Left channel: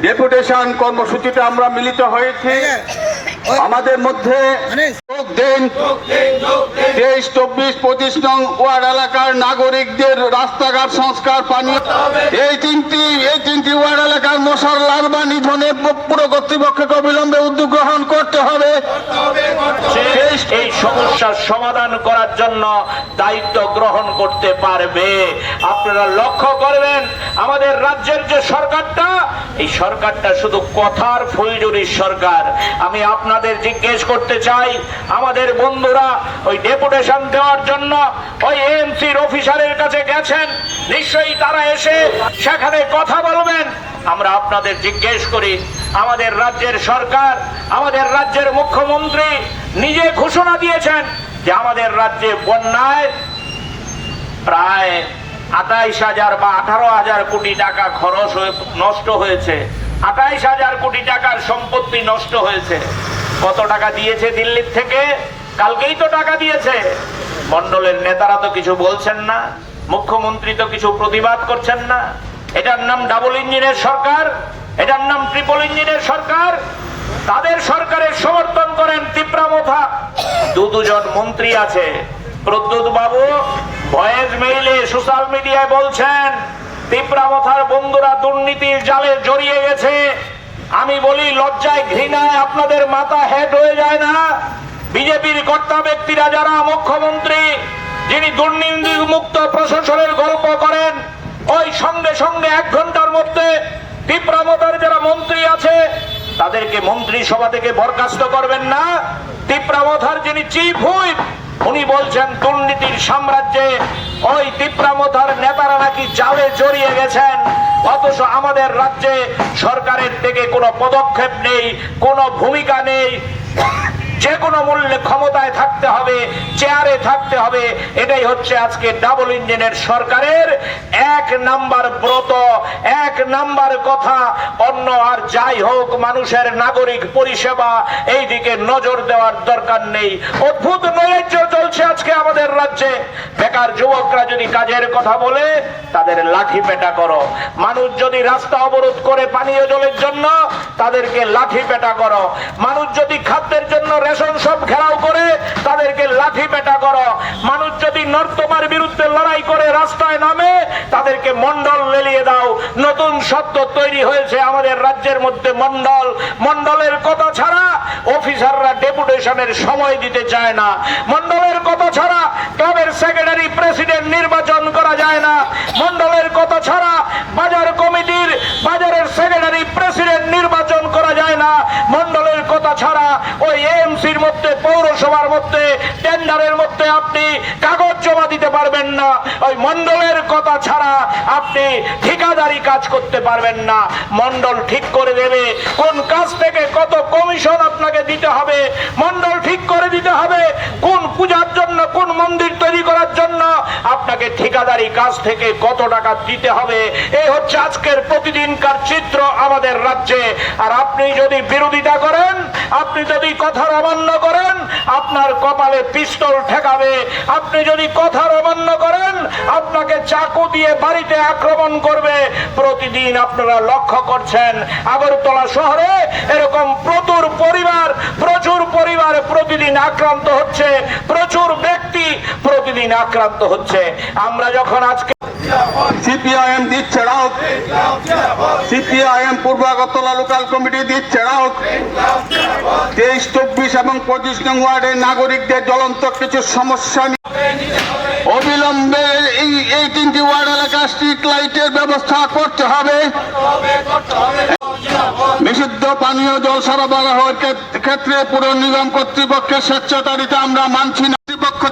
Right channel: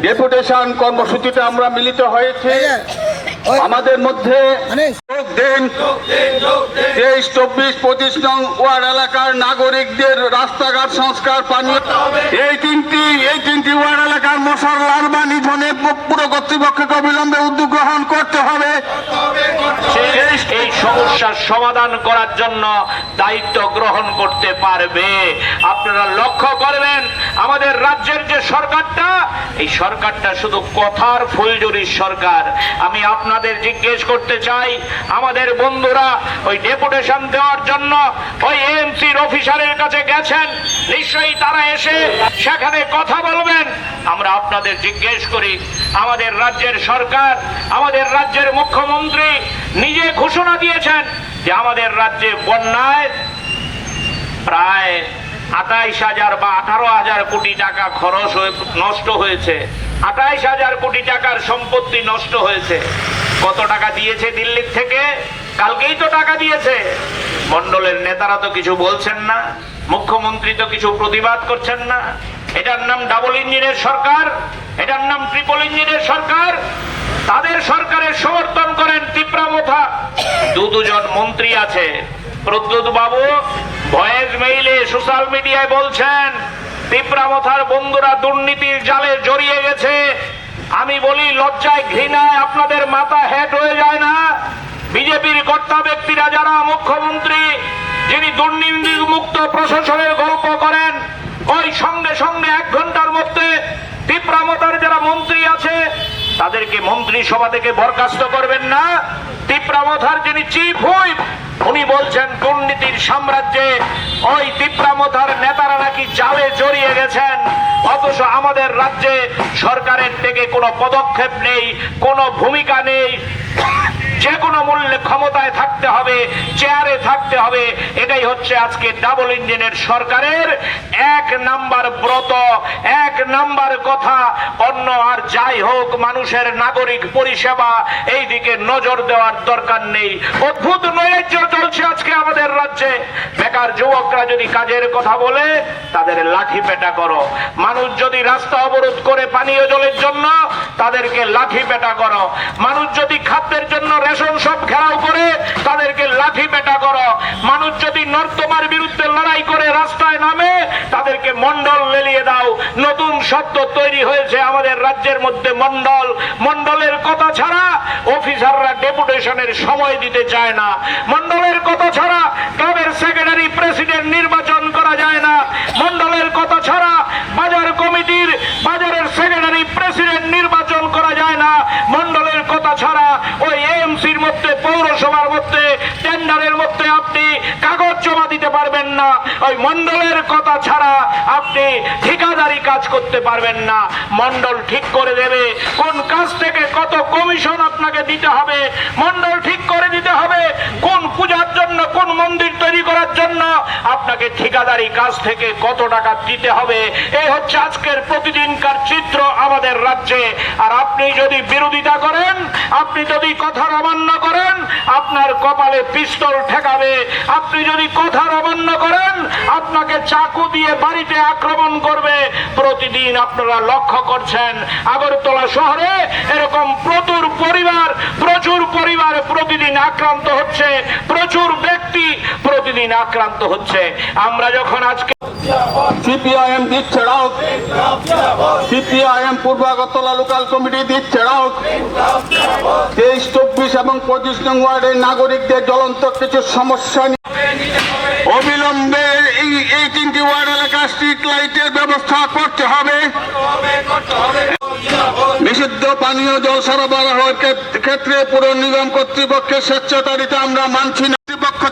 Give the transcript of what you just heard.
Deputation কর্মসূচিতে আমরা মিলিত হয়েছি। আমাদের মধ্যে দিন। তেইশ চব্বিশ পঁচিশ নং ওয়ার্ড এলাকার নাগরিকদের রাস্তাঘাট সংস্কার পানীয়। এই তিনটি এই তিনটি ওয়ার্ড এলাকার মশার লার্ভা নিধনে পুরো কর্তৃপক্ষকে অবিলম্বে উদ্যোগ গ্রহণ করতে হবে। এই সমস্যার সমাধান করার জন্য দায়িত্ব গ্রহণ করতে পারবে। আপনারা লক্ষ্য করবেন আমাদের রাজ্যের যে সরকারটা এই সরকারটা শুধু কথার ফুলজুরির সরকার। আমি আপনাদের জিজ্ঞেস করতে চাই, আমাদের বন্ধুরা ওই ডেপুটেশন দেওয়ার জন্য ওই এমসির অফিসারের কাছে গেছেন। নিশ্চয়ই তারা এসে সেখানে কথা বলবেন। আমরা আপনাদের জিজ্ঞেস করি, আমাদের রাজ্যের সরকার, আমাদের রাজ্যের মুখ্যমন্ত্রী নিজে ঘোষণা দিয়েছেন যে আমাদের রাজ্যে বন্যায় প্রায় আঠাইশ হাজার বা আঠারো হাজার কোটি টাকা খরচ হয়ে নষ্ট হয়েছে। আঠাইশ হাজার কোটি টাকার সম্পত্তি নষ্ট হয়েছে। কত টাকা দিয়েছে দিল্লির থেকে? কালকেই তো টাকা দিয়েছে। মন্ডলের নেতারা তো কিছু বলছেন না। মুখ্যমন্ত্রী তো কিছু প্রতিবাদ করছেন না। এটার নাম ডাবল ইঞ্জিনের সরকার, এটার নাম ট্রিপল ইঞ্জিনের সরকার। তাদের সরকারের সমর্থন করেন তিপ্রামথা দু দুজন মন্ত্রী আছে। প্রদ্যুৎ বাবু ভয়েস মেইলে সোশ্যাল মিডিয়ায় বলছেন, তিপ্রামথার বন্ধুরা দুর্নীতির জালে জড়িয়ে গেছে। আমি বলি, লজ্জায় ঘৃণায় আপনাদের মাথা হেড হয়ে যায় না? বিজেপির কর্তা ব্যক্তিরা যারা, মুখ্যমন্ত্রী, যিনি দুর্নীতি মুক্ত প্রশাসনের গল্প করেন, ওই সঙ্গে সঙ্গে এক ঘণ্টার মধ্যে তিপ্রামতার যারা মন্ত্রী আছে, তাদেরকে মন্ত্রী সভা থেকে বরখাস্ত করবেন না? তিপ্রামথার যিনি চিফ হুইপ, উনি বলছেন দুর্নীতির সাম্রাজ্যে ওই তিপ্রামথার নেতারা নাকি জালে জড়িয়ে গেছেন। অথচ আমাদের রাজ্যে সরকারের থেকে কোনো পদক্ষেপ নেই, কোনো ভূমিকা নেই। যে কোনো মূল্যে ক্ষমতায় থাকতে হবে, চেয়ারে থাকতে হবে। এটাই হচ্ছে আজকে ডাবল ইঞ্জিনের সরকারের এক নাম্বার ব্রত এক নাম্বার কথা, অন্য আর যাই হোক, মানুষের নাগরিক পরিষেবা এই দিকে নজর দেওয়ার দরকার নেই। অদ্ভুত নৈরাজ্য চলছে আজকে আমাদের রাজ্যে। বেকার যুবকরা যদি কাজের কথা বলে, তাদের লাঠি পেটা করো। মানুষ যদি রাস্তা অবরোধ করে পানীয় জলের জন্য, তাদেরকে লাঠি পেটা করো। মানুষ যদি খাদ্যের জন্য রেশন সব ঘেরাও করে, তাদেরকে লাঠি নর্তমার বিরুদ্ধে লড়াই করে রাস্তায় নামে, তাদেরকে মন্ডল লেলিয়ে দাও। নতুন শব্দ তৈরি হয়েছে আমাদের রাজ্যের মধ্যে মন্ডল মন্ডলের কথা ছাড়া অফিসাররা ডেপুটেশনের সময় দিতে চায় না। মন্ডলের কথা ছাড়া ক্লাবের সেক্রেটারি প্রেসিডেন্ট নির্বাচন করা যায় না। মন্ডলের কথা ছাড়া বাজার কমিটির বাজারের সেক্রেটারি প্রেসিডেন্ট নির্বাচন করা যায় না। মন্ডলের কথা ছাড়া মধ্যে, পৌরসভার মধ্যে, টেন্ডারের মধ্যে আপনি কাগজ জমা দিতে পারবেন না। ওই মন্ডলের কথা ছাড়া আপনি ঠিকাদারি কাজ করতে পারবেন না। মন্ডল ঠিক করে দেবে কোন কাজ থেকে কত কমিশন আপনাকে দিতে হবে। মন্ডল ঠিক করে দিতে হবে কোন পূজার জন্য, কোন মন্দির তৈরি করার জন্য? আপনাকে ঠিকাদারি কাজ থেকে কত টাকা দিতে হবে? এই হচ্ছে আজকের প্রতিদিনকার চিত্র আমাদের রাজ্যে। আর আপনি যদি বিরোধিতা করেন, আপনি যদি কথার অমান্য করেন, আপনার কপালে পিস্তল ঠেকাবে। আপনি যদি কথার অমান্য করেন, আপনাকে চাকু দিয়ে বাড়িতে আক্রমণ করবে। প্রতিদিন আপনারা লক্ষ্য করছেন আগরতলা শহরে এরকম প্রচুর পরিবার প্রচুর পরিবার প্রতিদিন আক্রান্ত হচ্ছে, প্রচুর ব্যক্তি প্রতিদিন আক্রান্ত হচ্ছে। আমরা যখন আজকে সিপিআইএম দিচ্ছে রাউট সিপিআইএম পূর্ব আগরতলা লোকাল কমিটি দিচ্ছে রাউট তেইশ, চব্বিশ এবং পঁচিশ নং ওয়ার্ডের নাগরিকদের জ্বলন্ত কিছু সমস্যা অবিলম্বে এই এই তিনটি ওয়ার্ড এলাকা স্ট্রিট লাইটের ব্যবস্থা করতে হবে। নিষিদ্ধ পানীয় জল সরবরাহের ক্ষেত্রে পুর নিগম কর্তৃপক্ষের স্বচ্ছতারিতা আমরা মানছি না। কর্তৃপক্ষ